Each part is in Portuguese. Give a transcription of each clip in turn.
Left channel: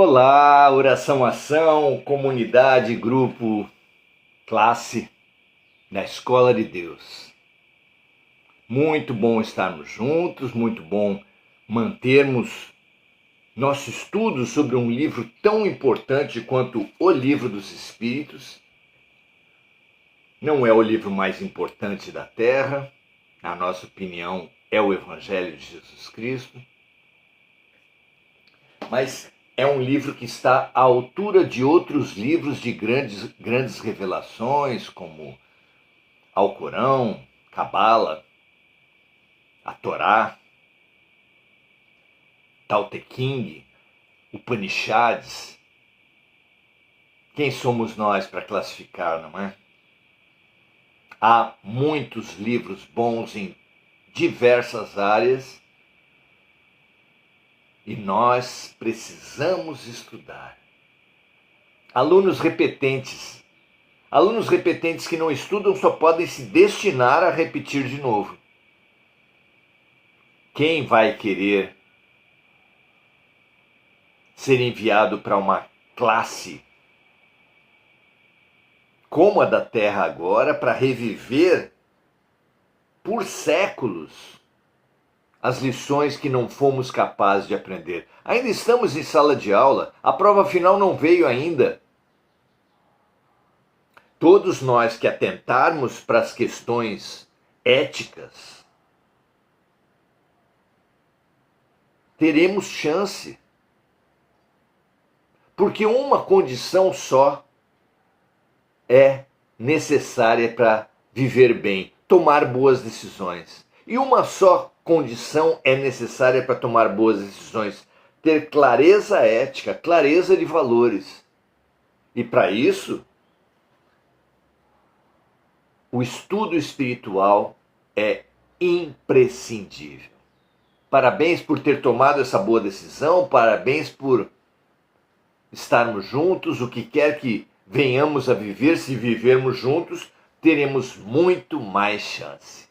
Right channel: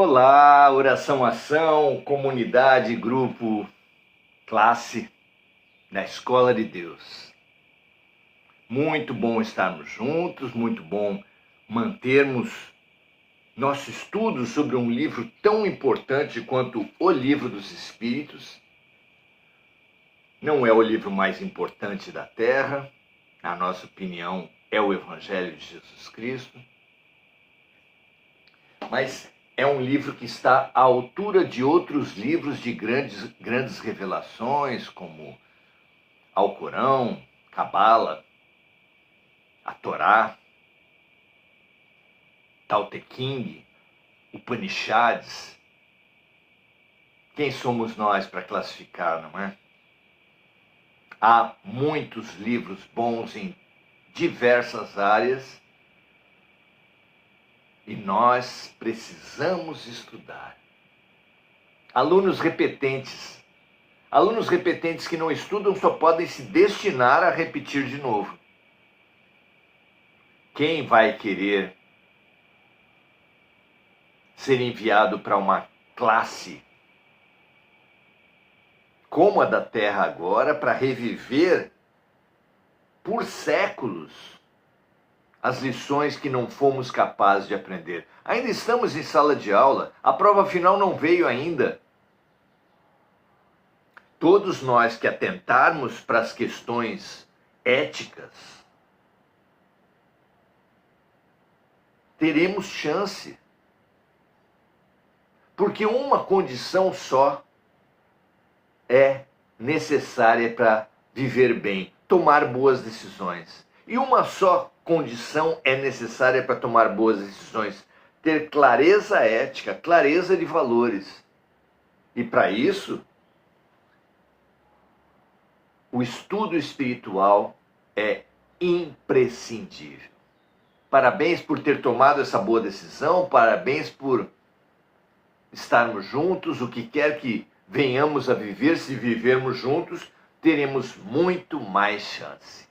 Olá, oração, ação, comunidade, grupo, classe da Escola de Deus. Muito bom estarmos juntos, muito bom mantermos nosso estudo sobre um livro tão importante quanto o Livro dos Espíritos. Não é o livro mais importante da Terra, na nossa opinião, é o Evangelho de Jesus Cristo, mas é um livro que está à altura de outros livros de grandes revelações, como Alcorão, Cabala, a Torá, Tao Te Ching, Upanishads. Quem somos nós para classificar, não é? Há muitos livros bons em diversas áreas e nós precisamos estudar. Alunos repetentes que não estudam só podem se destinar a repetir de novo. Quem vai querer ser enviado para uma classe como a da Terra agora, para reviver por séculos as lições que não fomos capazes de aprender? Ainda estamos em sala de aula, a prova final não veio ainda. Todos nós que atentarmos para as questões éticas, teremos chance. Porque uma condição só é necessária para viver bem, tomar boas decisões. E uma só condição é necessária para tomar boas decisões: ter clareza ética, clareza de valores. E para isso, o estudo espiritual é imprescindível. Parabéns por ter tomado essa boa decisão, parabéns por estarmos juntos. O que quer que venhamos a viver, se vivermos juntos, teremos muito mais chance.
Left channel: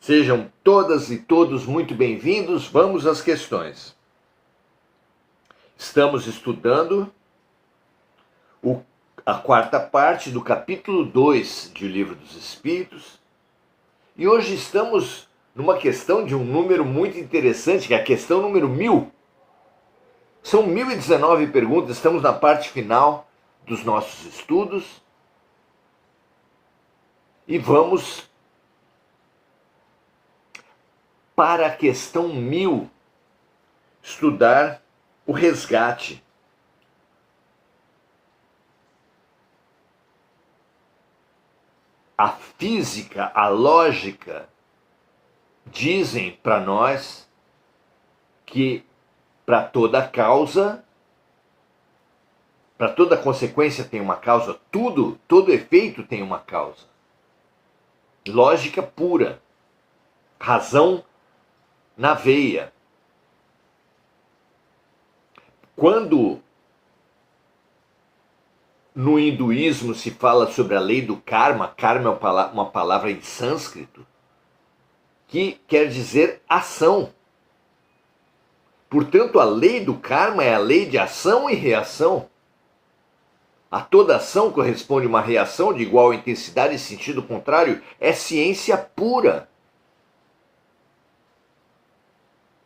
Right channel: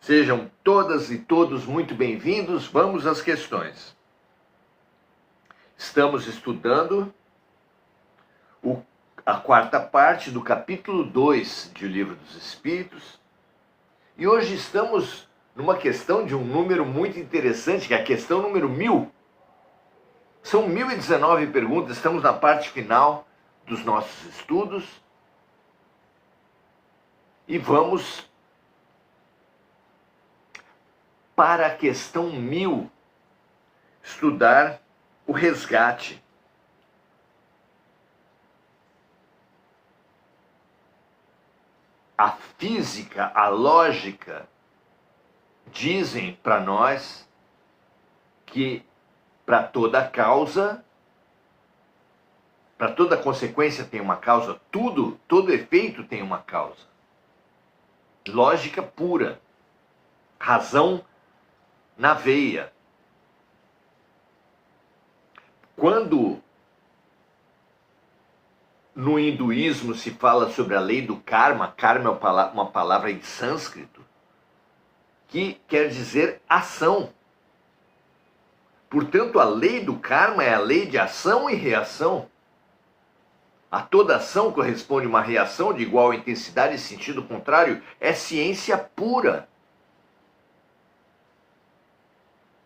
Sejam todas e todos muito bem-vindos. Vamos às questões. Estamos estudando a quarta parte do capítulo 2 de O Livro dos Espíritos. E hoje estamos numa questão de um número muito interessante, que é a questão número 1000. São 1019 perguntas, estamos na parte final dos nossos estudos. E vamos para a questão 1000, estudar o resgate. A física, a lógica, dizem para nós que para toda causa, para toda consequência tem uma causa, todo efeito tem uma causa. Lógica pura, razão na veia. Quando no hinduísmo se fala sobre a lei do karma, karma é uma palavra em sânscrito, que quer dizer ação. Portanto, a lei do karma é a lei de ação e reação. A toda ação corresponde uma reação de igual intensidade e sentido contrário. É ciência pura.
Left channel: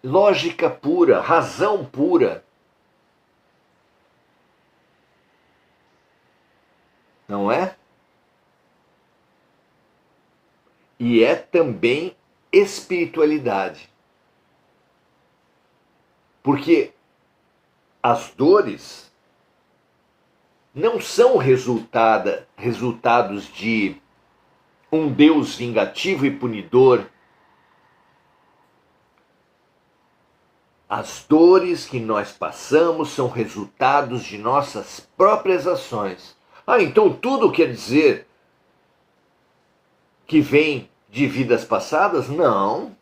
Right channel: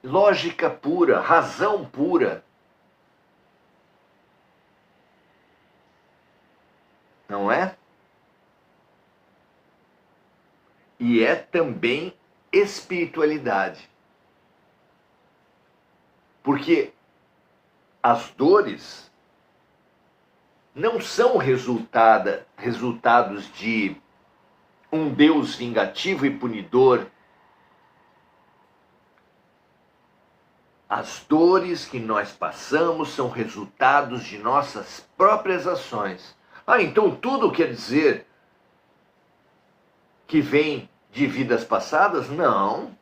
Lógica pura, razão pura. Não é? E é também espiritualidade. Porque as dores não são resultados de um Deus vingativo e punidor. As dores que nós passamos são resultados de nossas próprias ações. Então tudo quer dizer que vem de vidas passadas? Não.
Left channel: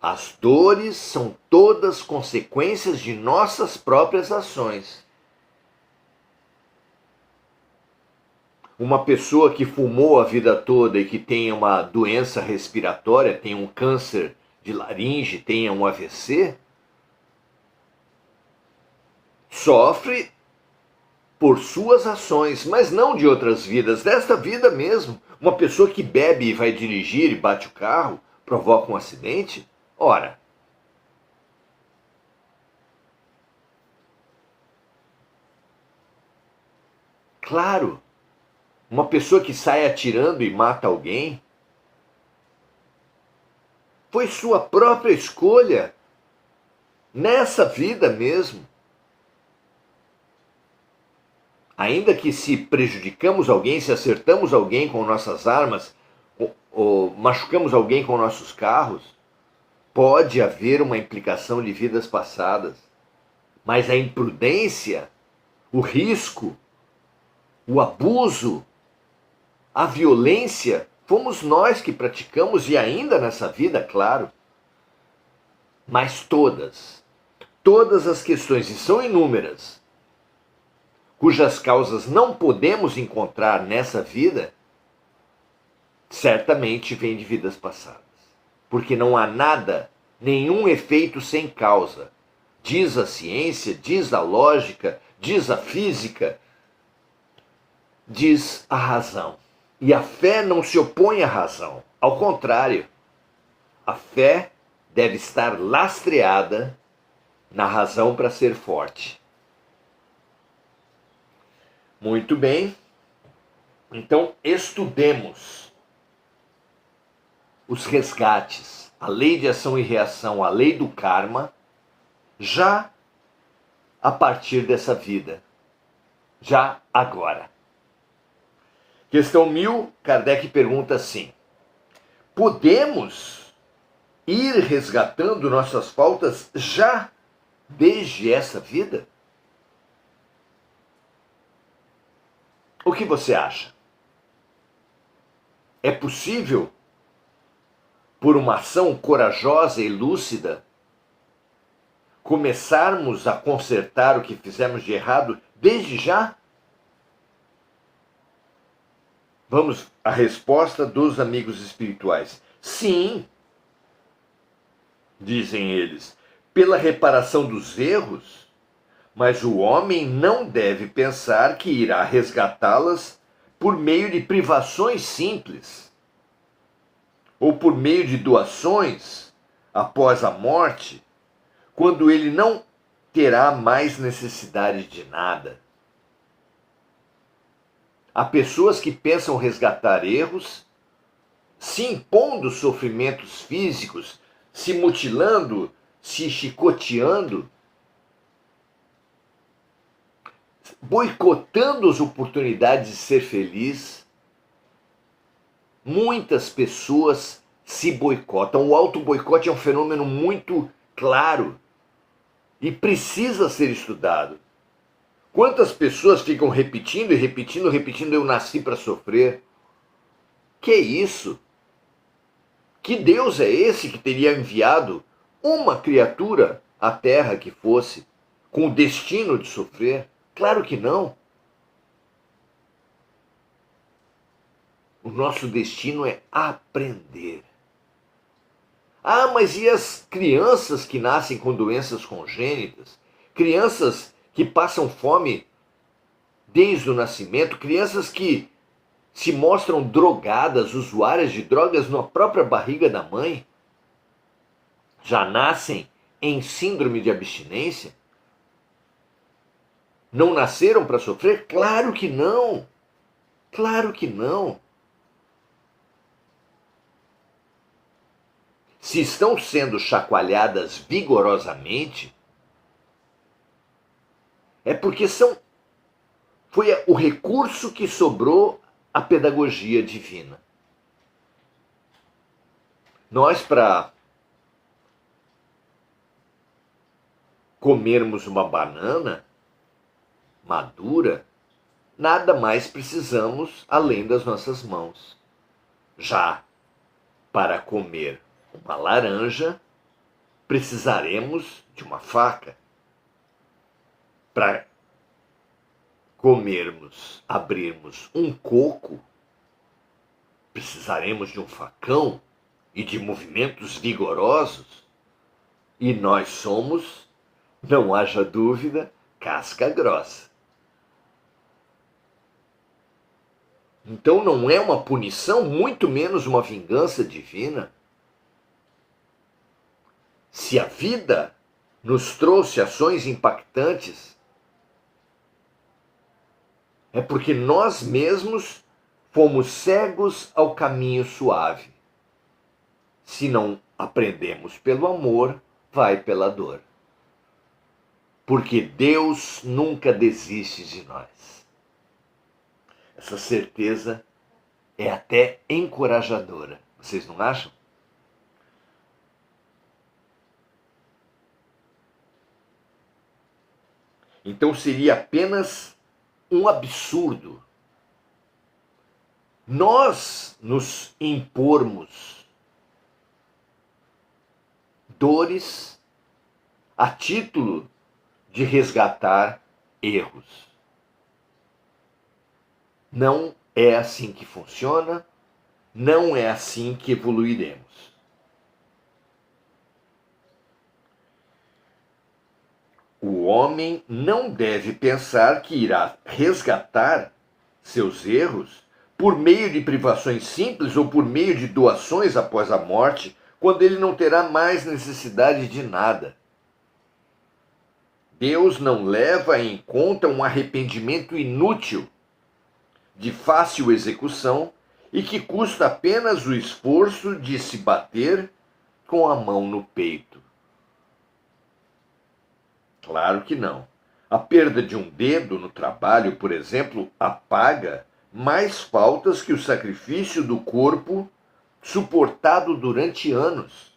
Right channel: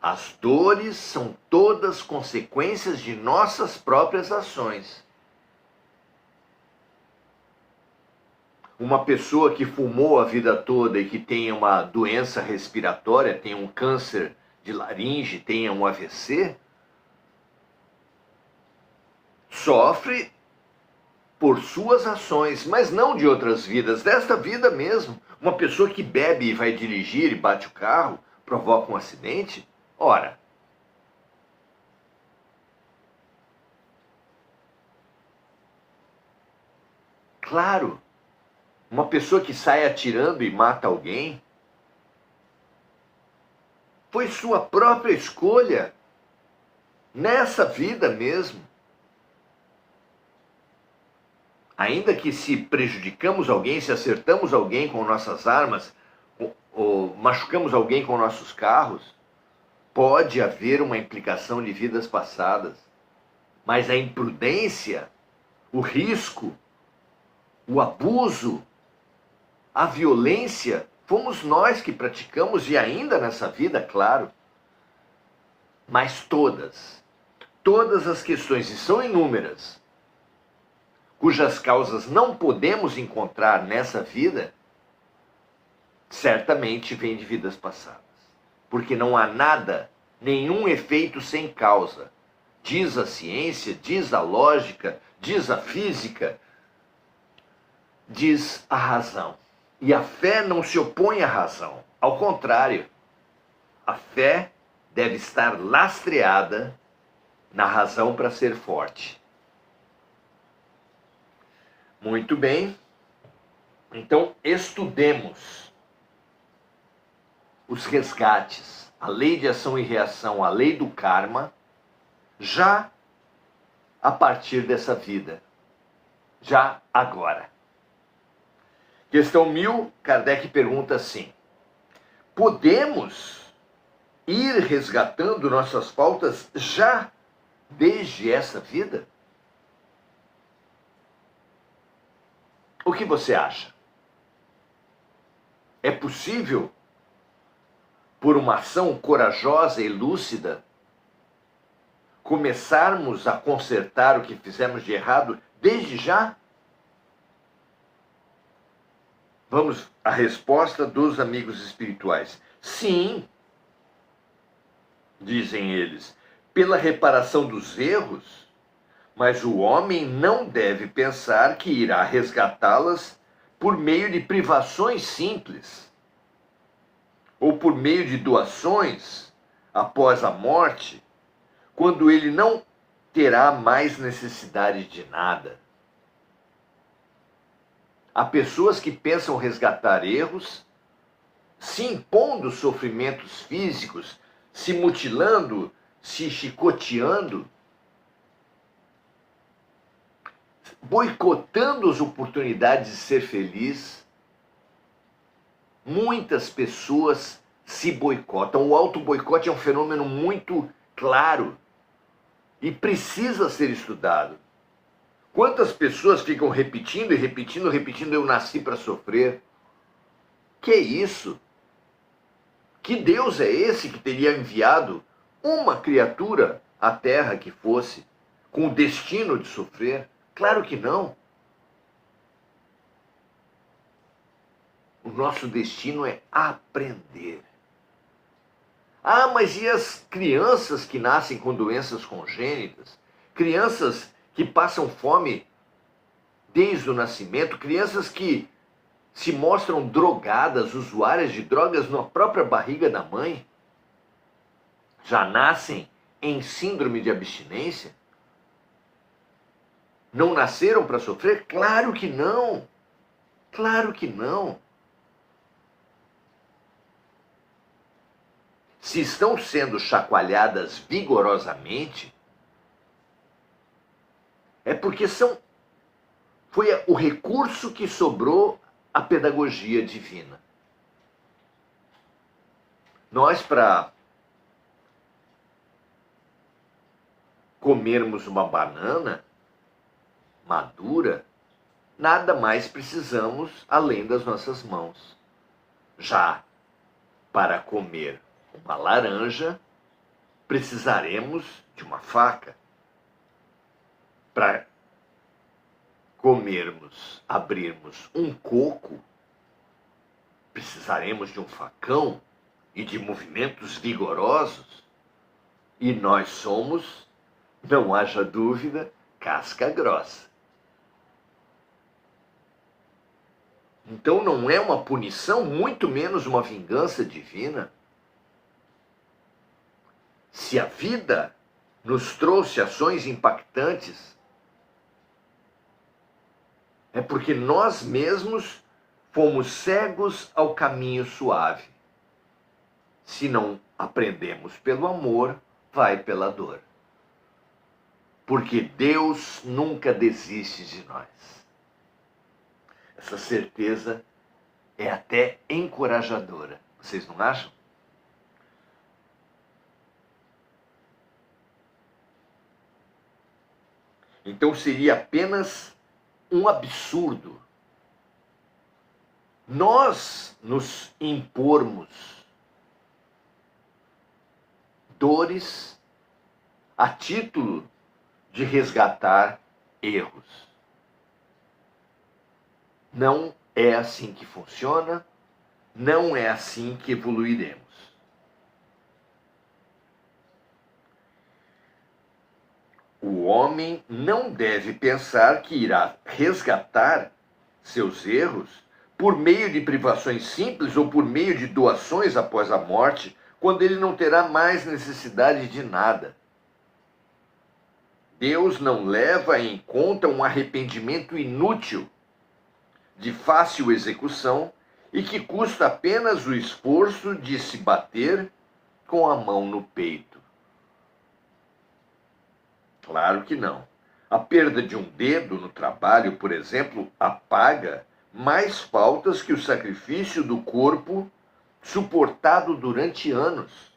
As dores são todas consequências de nossas próprias ações. Uma pessoa que fumou a vida toda e que tem uma doença respiratória, tem um câncer de laringe, tem um AVC, Sofre por suas ações, mas não de outras vidas, desta vida mesmo. Uma pessoa que bebe e vai dirigir e bate o carro, provoca um acidente, ora, claro, uma pessoa que sai atirando e mata alguém, foi sua própria escolha, nessa vida mesmo. Ainda que se prejudicamos alguém, se acertamos alguém com nossas armas, ou machucamos alguém com nossos carros, pode haver uma implicação de vidas passadas. Mas a imprudência, o risco, o abuso, a violência, fomos nós que praticamos e ainda nessa vida, claro. Mas todas as questões, e são inúmeras, cujas causas não podemos encontrar nessa vida, certamente vêm de vidas passadas. Porque não há nada, nenhum efeito sem causa. Diz a ciência, diz a lógica, diz a física, diz a razão. E a fé não se opõe à razão. Ao contrário, a fé deve estar lastreada na razão para ser forte. Muito bem, então estudemos os resgates, a lei de ação e reação, a lei do karma, já a partir dessa vida, já agora. Questão 1000, Kardec pergunta assim: podemos ir resgatando nossas faltas já desde essa vida? O que você acha? É possível, por uma ação corajosa e lúcida, começarmos a consertar o que fizemos de errado desde já? Vamos à resposta dos amigos espirituais. Sim, dizem eles, pela reparação dos erros, mas o homem não deve pensar que irá resgatá-las por meio de privações simples, ou por meio de doações após a morte, quando ele não terá mais necessidade de nada. Há pessoas que pensam resgatar erros, se impondo sofrimentos físicos, se mutilando, se chicoteando, boicotando as oportunidades de ser feliz. Muitas pessoas se boicotam. O auto-boicote é um fenômeno muito claro e precisa ser estudado. Quantas pessoas ficam repetindo e repetindo, repetindo, eu nasci para sofrer? Que isso? Que Deus é esse que teria enviado uma criatura à Terra que fosse com o destino de sofrer? Claro que não. O nosso destino é aprender. Ah, mas e as crianças que nascem com doenças congênitas? Crianças que passam fome desde o nascimento? Crianças que se mostram drogadas, usuárias de drogas na própria barriga da mãe? Já nascem em síndrome de abstinência? Não nasceram para sofrer? Claro que não. Claro que não. Se estão sendo chacoalhadas vigorosamente, é porque foi o recurso que sobrou à pedagogia divina. Nós, para comermos uma banana madura, nada mais precisamos além das nossas mãos. Já para comer uma laranja, precisaremos de uma faca. Para abrirmos um coco, precisaremos de um facão e de movimentos vigorosos. E nós somos, não haja dúvida, casca grossa. Então não é uma punição, muito menos uma vingança divina. Se a vida nos trouxe ações impactantes, é porque nós mesmos fomos cegos ao caminho suave. Se não aprendemos pelo amor, vai pela dor. Porque Deus nunca desiste de nós. Essa certeza é até encorajadora. Vocês não acham? Então seria apenas um absurdo nós nos impormos dores a título de resgatar erros. Não é assim que funciona, não é assim que evoluiremos. O homem não deve pensar que irá resgatar seus erros por meio de privações simples ou por meio de doações após a morte, quando ele não terá mais necessidade de nada. Deus não leva em conta um arrependimento inútil, de fácil execução e que custa apenas o esforço de se bater com a mão no peito. Claro que não. A perda de um dedo no trabalho, por exemplo, apaga mais faltas que o sacrifício do corpo suportado durante anos,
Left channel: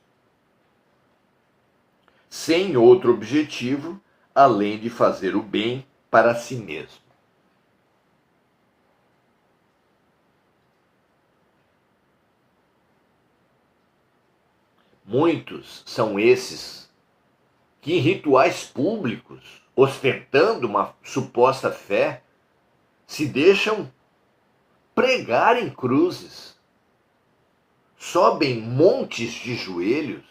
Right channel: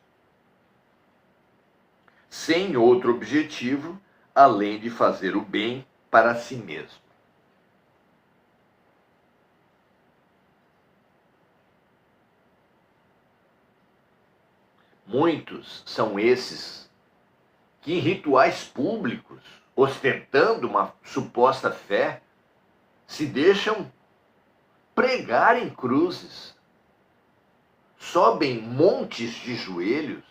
sem outro objetivo além de fazer o bem para si mesmo. Muitos são esses que em rituais públicos, ostentando uma suposta fé, se deixam pregar em cruzes, sobem montes de joelhos,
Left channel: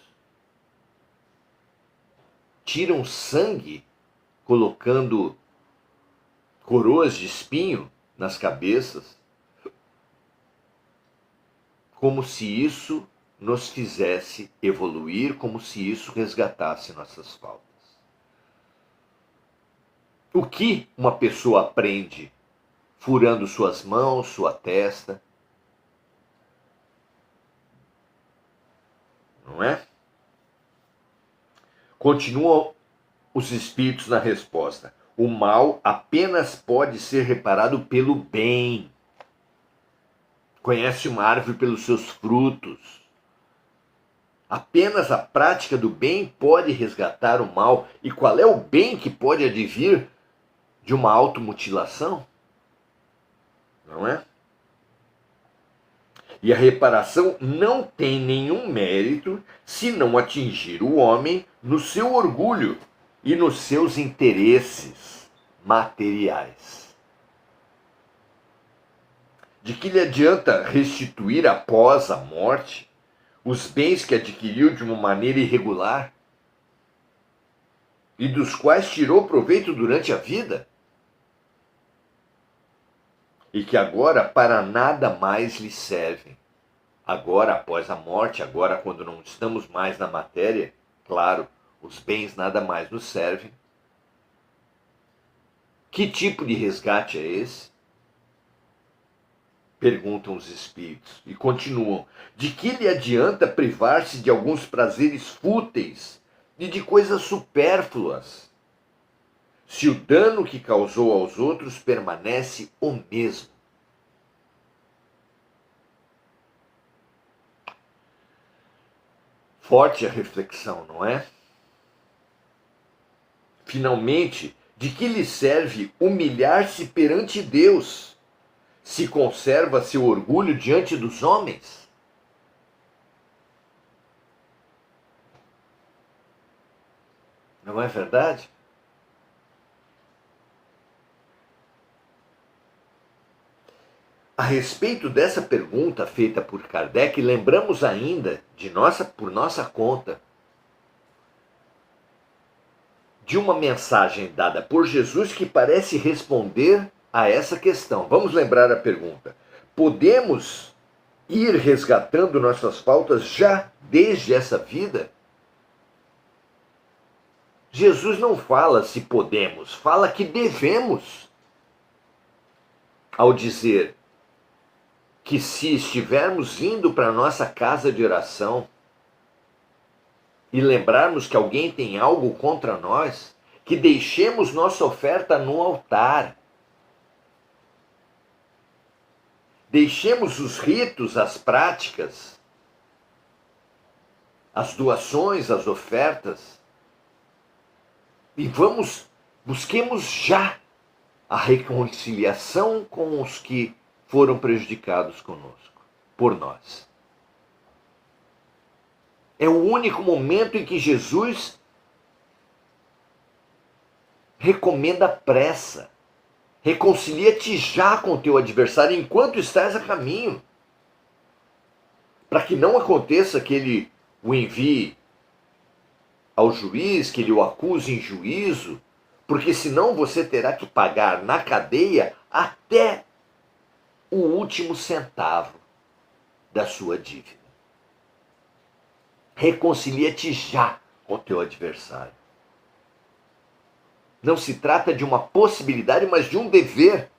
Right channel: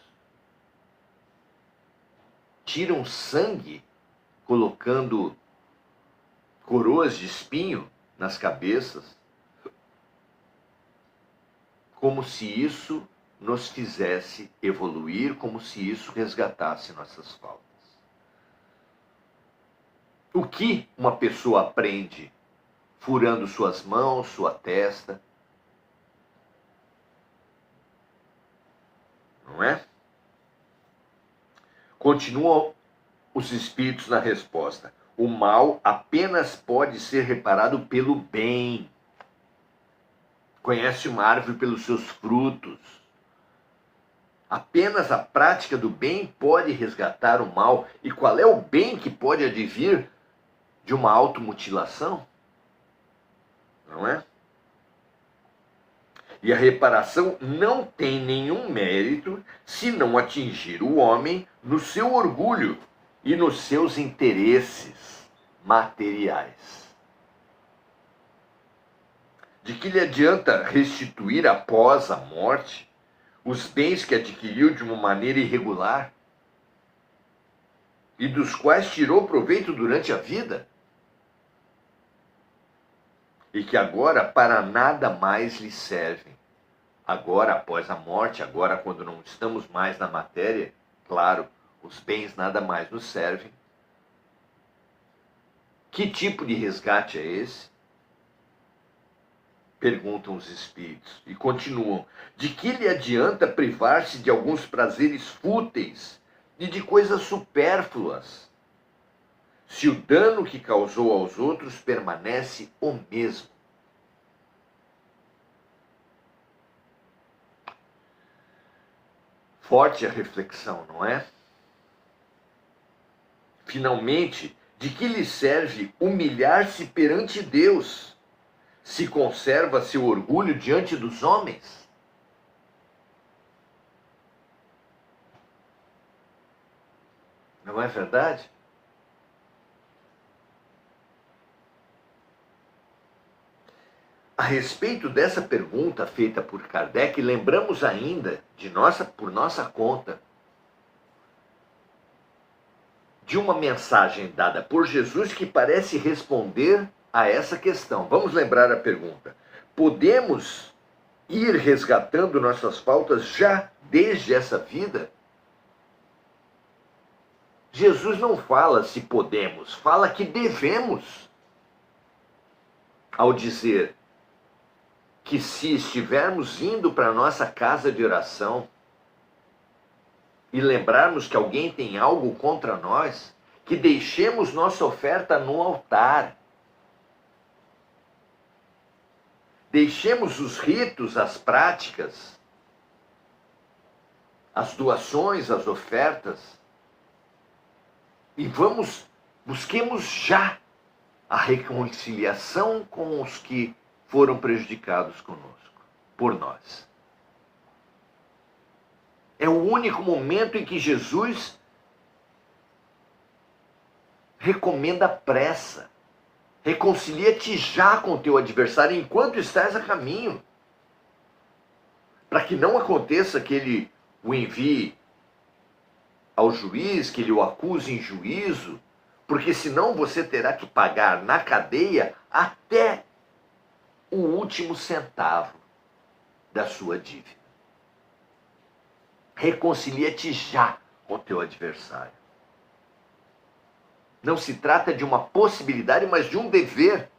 tiram sangue, colocando coroas de espinho nas cabeças, como se isso nos fizesse evoluir, como se isso resgatasse nossas faltas. O que uma pessoa aprende furando suas mãos, sua testa? Não é? Continuam os espíritos na resposta. O mal apenas pode ser reparado pelo bem. Conhece uma árvore pelos seus frutos. Apenas a prática do bem pode resgatar o mal. E qual é o bem que pode advir de uma automutilação? Não é? E a reparação não tem nenhum mérito se não atingir o homem no seu orgulho e nos seus interesses materiais. De que lhe adianta restituir após a morte os bens que adquiriu de uma maneira irregular e dos quais tirou proveito durante a vida? E que agora para nada mais lhe servem. Agora, após a morte, agora quando não estamos mais na matéria, claro, os bens nada mais nos servem. Que tipo de resgate é esse? Perguntam os espíritos e continuam. De que lhe adianta privar-se de alguns prazeres fúteis e de coisas supérfluas, se o dano que causou aos outros permanece o mesmo? Forte a reflexão, não é? Finalmente, de que lhe serve humilhar-se perante Deus, se conserva seu orgulho diante dos homens? Não é verdade? A respeito dessa pergunta feita por Kardec, lembramos ainda, por nossa conta, de uma mensagem dada por Jesus que parece responder a essa questão. Vamos lembrar a pergunta: podemos ir resgatando nossas faltas já desde essa vida? Jesus não fala se podemos, fala que devemos. Ao dizer que se estivermos indo para a nossa casa de oração e lembrarmos que alguém tem algo contra nós, que deixemos nossa oferta no altar. Deixemos os ritos, as práticas, as doações, as ofertas, e busquemos já a reconciliação com os que foram prejudicados conosco, por nós. É o único momento em que Jesus recomenda pressa. Reconcilia-te já com o teu adversário enquanto estás a caminho, para que não aconteça que ele o envie ao juiz, que ele o acuse em juízo, porque senão você terá que pagar na cadeia até o último centavo da sua dívida. Reconcilia-te já com o teu adversário. Não se trata de uma possibilidade, mas de um dever.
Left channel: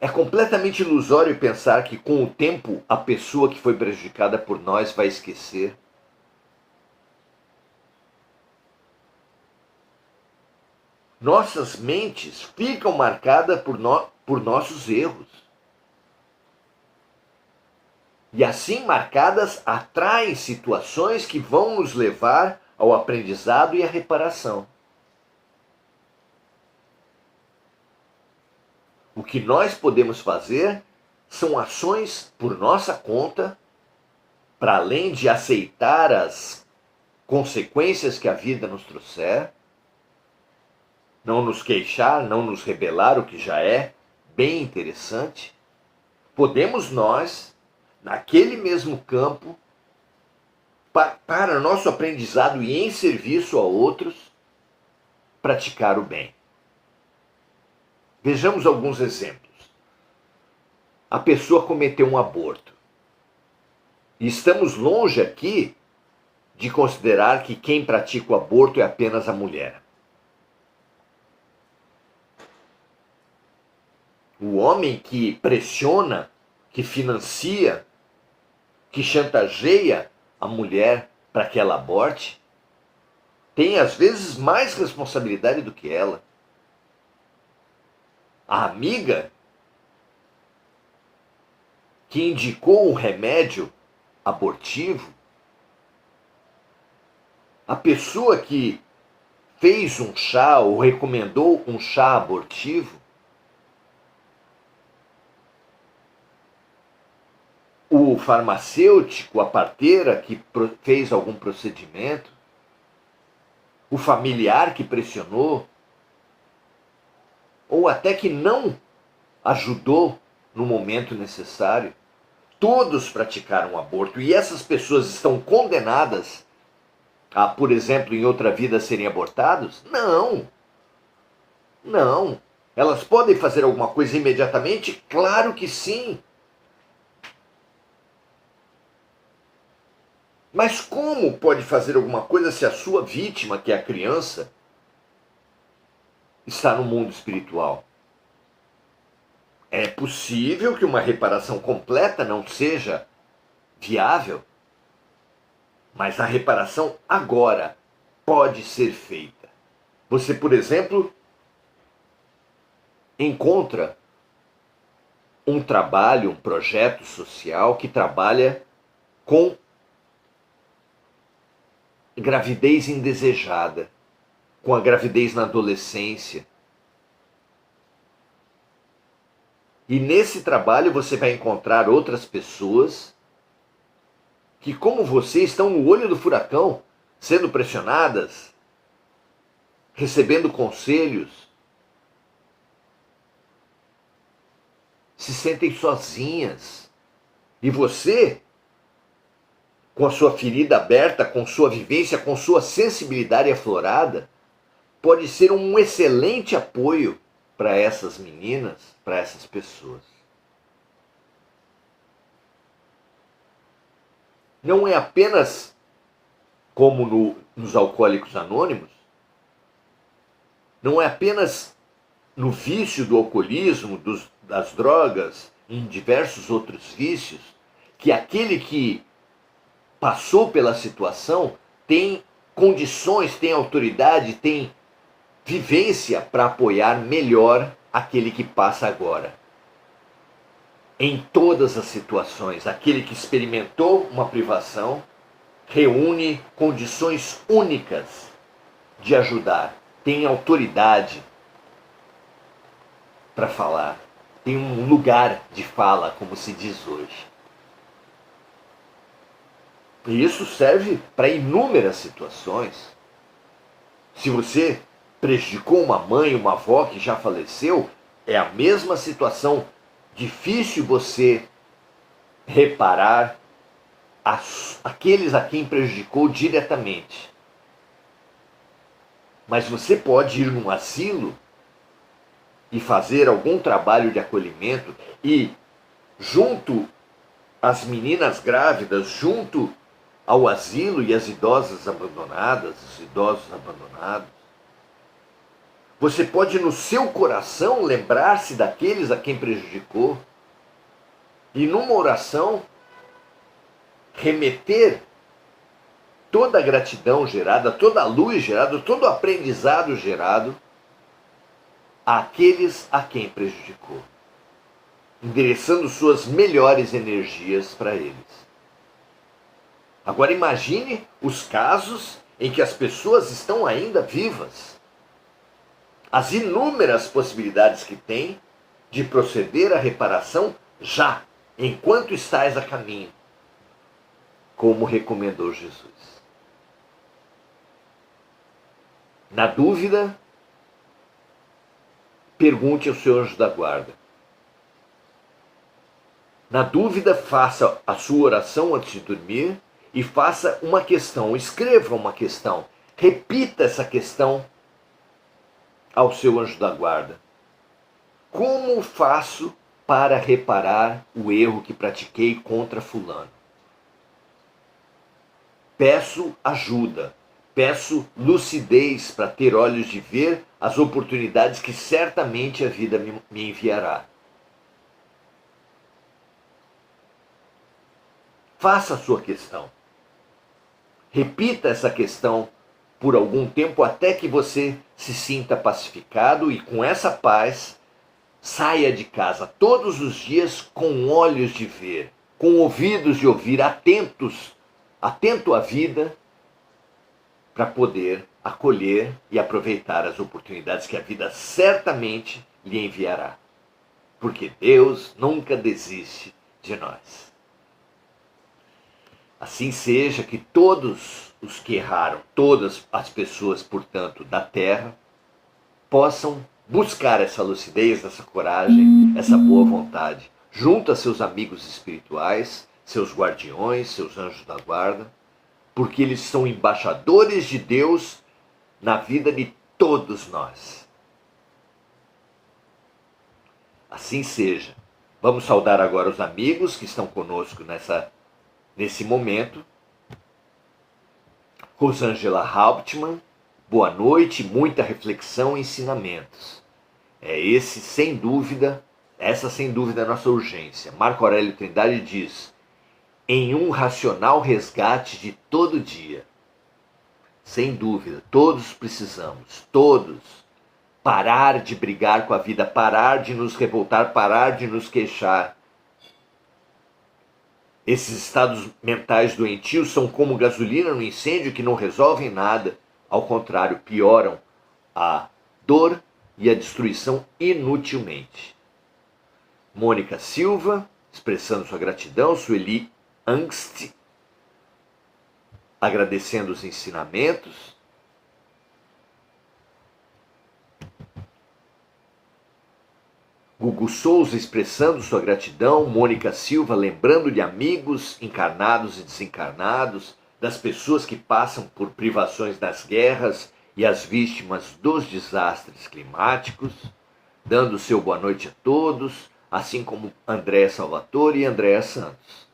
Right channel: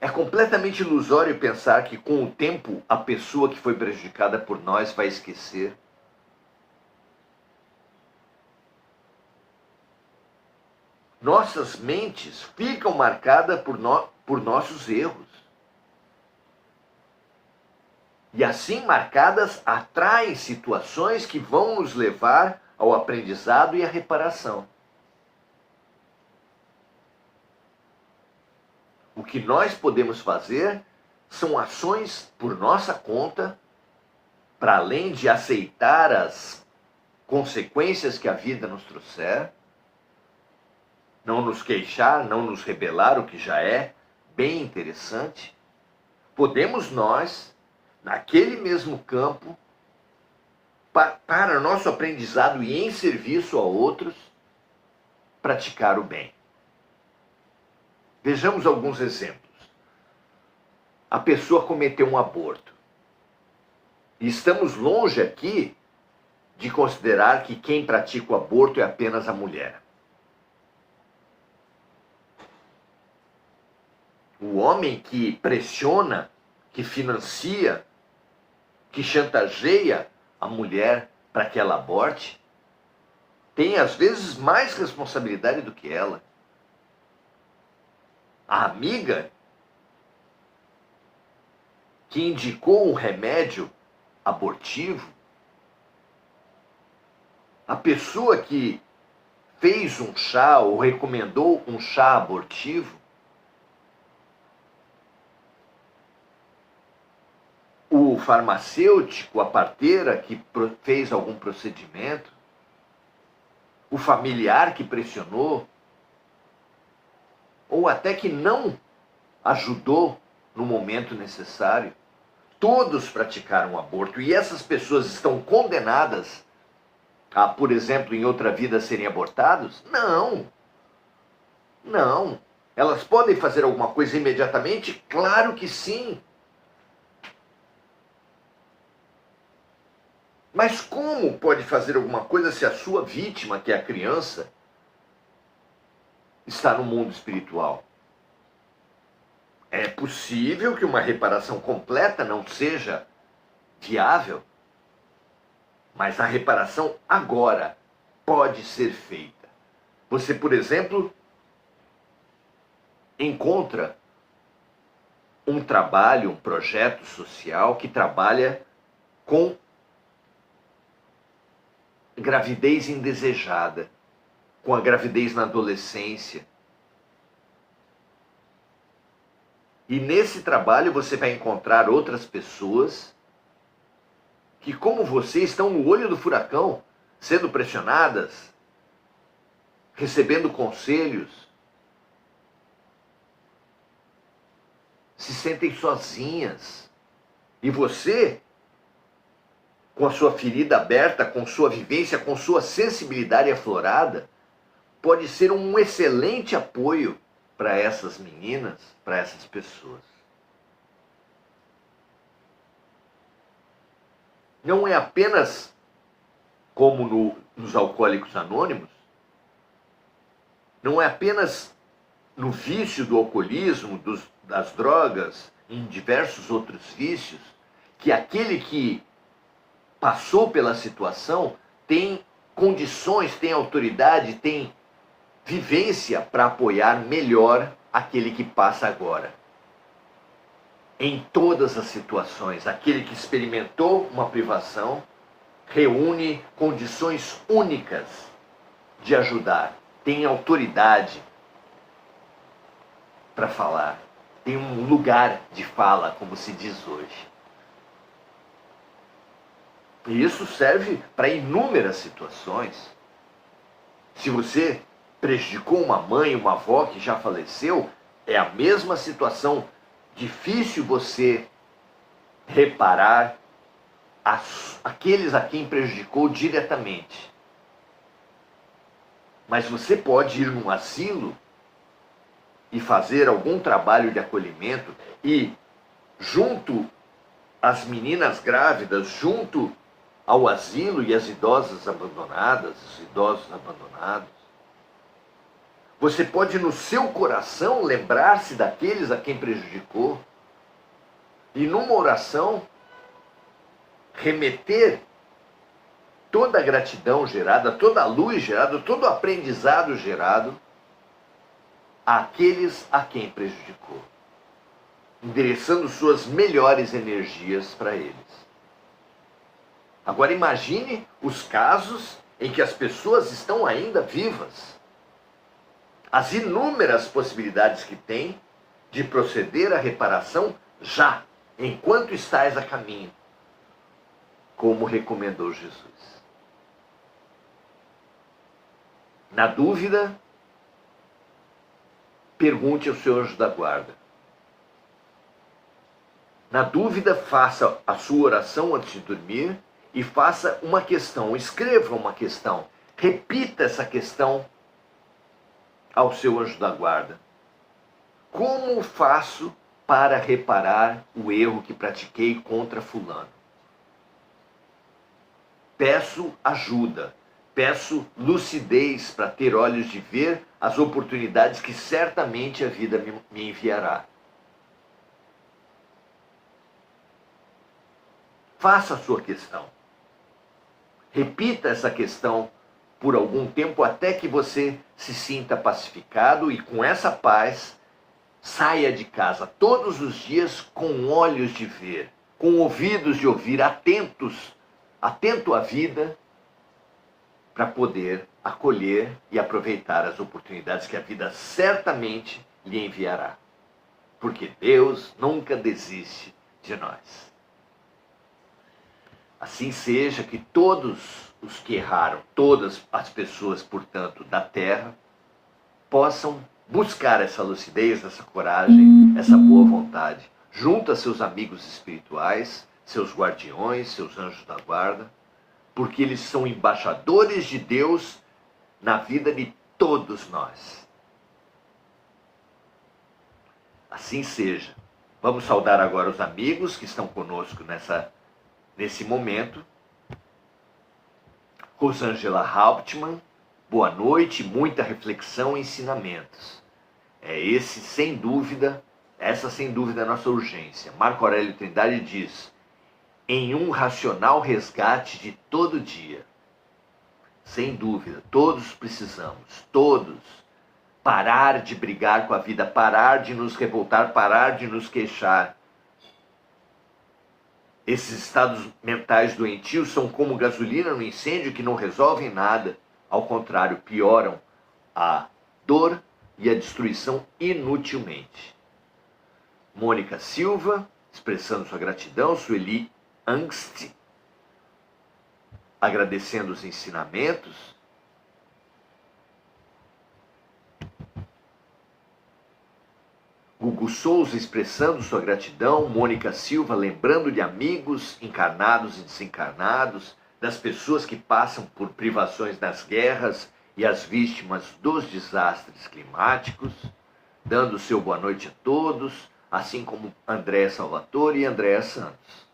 É completamente ilusório pensar que com o tempo a pessoa que foi prejudicada por nós vai esquecer. Nossas mentes ficam marcadas por nossos erros. E assim marcadas atraem situações que vão nos levar ao aprendizado e à reparação. O que nós podemos fazer são ações por nossa conta, para além de aceitar as consequências que a vida nos trouxer, não nos queixar, não nos rebelar, o que já é bem interessante. Podemos nós, naquele mesmo campo, para nosso aprendizado e em serviço a outros, praticar o bem. Vejamos alguns exemplos. A pessoa cometeu um aborto. E estamos longe aqui de considerar que quem pratica o aborto é apenas a mulher. O homem que pressiona, que financia, que chantageia a mulher para que ela aborte, tem às vezes mais responsabilidade do que ela. A amiga que indicou um remédio abortivo, a pessoa que fez um chá ou recomendou um chá abortivo, o farmacêutico, a parteira que fez algum procedimento, o familiar que pressionou, ou até que não ajudou no momento necessário, todos praticaram aborto e essas pessoas estão condenadas a, por exemplo, em outra vida serem abortados? Não. Não. Elas podem fazer alguma coisa imediatamente? Claro que sim. Mas como pode fazer alguma coisa se a sua vítima, que é a criança, está no mundo espiritual? É possível que uma reparação completa não seja viável, mas a reparação agora pode ser feita. Você, por exemplo, encontra um trabalho, um projeto social que trabalha com gravidez indesejada, com a gravidez na adolescência. E nesse trabalho você vai encontrar outras pessoas que, como você, estão no olho do furacão, sendo pressionadas, recebendo conselhos, se sentem sozinhas. E você com a sua ferida aberta, com sua vivência, com sua sensibilidade aflorada, pode ser um excelente apoio para essas meninas, para essas pessoas. Não é apenas como nos Alcoólicos Anônimos, não é apenas no vício do alcoolismo, das drogas, em diversos outros vícios, que aquele que passou pela situação tem condições, tem autoridade, tem vivência para apoiar melhor aquele que passa agora. Em todas as situações, aquele que experimentou uma privação reúne condições únicas de ajudar, tem autoridade para falar, tem um lugar de fala, como se diz hoje. E isso serve para inúmeras situações. Se você prejudicou uma mãe, uma avó que já faleceu, é a mesma situação. Difícil você reparar aqueles a quem prejudicou diretamente. Mas você pode ir num asilo e fazer algum trabalho de acolhimento e, junto às meninas grávidas, junto ao asilo e às idosas abandonadas, os idosos abandonados, você pode no seu coração lembrar-se daqueles a quem prejudicou e numa oração remeter toda a gratidão gerada, toda a luz gerada, todo o aprendizado gerado àqueles a quem prejudicou, endereçando suas melhores energias para eles. Agora imagine os casos em que as pessoas estão ainda vivas. As inúmeras possibilidades que tem de proceder à reparação já, enquanto estás a caminho, como recomendou Jesus. Na dúvida, pergunte ao seu anjo da guarda. Na dúvida, faça a sua oração antes de dormir e faça uma questão, escreva uma questão, repita essa questão ao seu anjo da guarda. Como faço para reparar o erro que pratiquei contra fulano? Peço ajuda, peço lucidez para ter olhos de ver as oportunidades que certamente a vida me enviará. Faça a sua questão. Repita essa questão por algum tempo até que você se sinta pacificado e com essa paz saia de casa todos os dias com olhos de ver, com ouvidos de ouvir, atento à vida, para poder acolher e aproveitar as oportunidades que a vida certamente lhe enviará. Porque Deus nunca desiste de nós. Assim seja, que todos os que erraram, todas as pessoas, portanto, da terra, possam buscar essa lucidez, essa coragem, essa boa vontade, junto a seus amigos espirituais, seus guardiões, seus anjos da guarda, porque eles são embaixadores de Deus na vida de todos nós. Assim seja. Vamos saudar agora os amigos que estão conosco nesse momento. Rosângela Hauptmann, boa noite, muita reflexão e ensinamentos. Essa sem dúvida é a nossa urgência. Marco Aurélio Trindade diz: em um racional resgate de todo dia. Sem dúvida, todos precisamos, todos, parar de brigar com a vida, parar de nos revoltar, parar de nos queixar. Esses estados mentais doentios são como gasolina no incêndio que não resolvem nada. Ao contrário, pioram a dor e a destruição inutilmente. Mônica Silva, expressando sua gratidão. Sueli Angst, agradecendo os ensinamentos. Gugu Souza expressando sua gratidão, Mônica Silva lembrando de amigos encarnados e desencarnados, das pessoas que passam por privações nas guerras e as vítimas dos desastres climáticos, dando seu boa noite a todos, assim como Andréa Salvatore e Andréa Santos.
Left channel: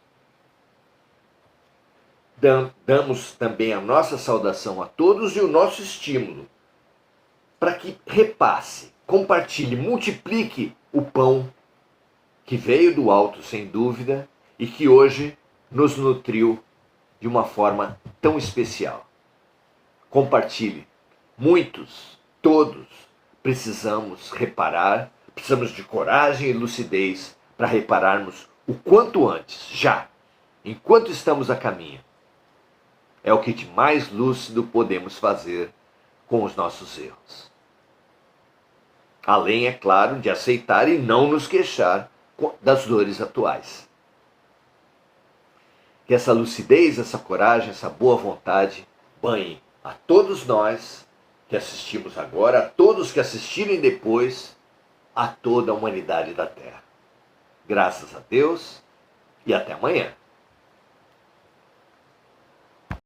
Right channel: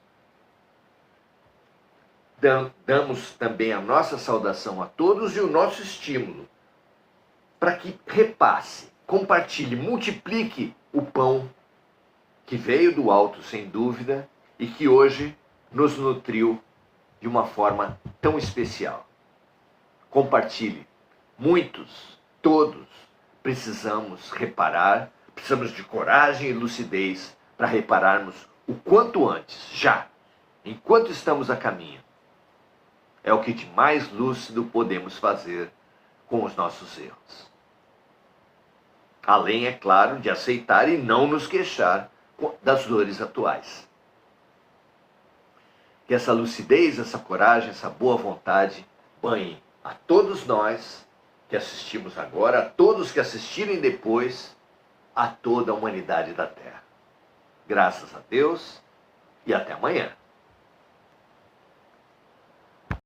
Damos também a nossa saudação a todos e o nosso estímulo para que repasse, compartilhe, multiplique o pão que veio do alto, sem dúvida, e que hoje nos nutriu de uma forma tão especial. Compartilhe. Muitos, todos, precisamos reparar, precisamos de coragem e lucidez para repararmos o quanto antes, já, enquanto estamos a caminho. É o que de mais lúcido podemos fazer com os nossos erros. Além, é claro, de aceitar e não nos queixar das dores atuais. Que essa lucidez, essa coragem, essa boa vontade banhe a todos nós que assistimos agora, a todos que assistirem depois, a toda a humanidade da Terra. Graças a Deus e até amanhã.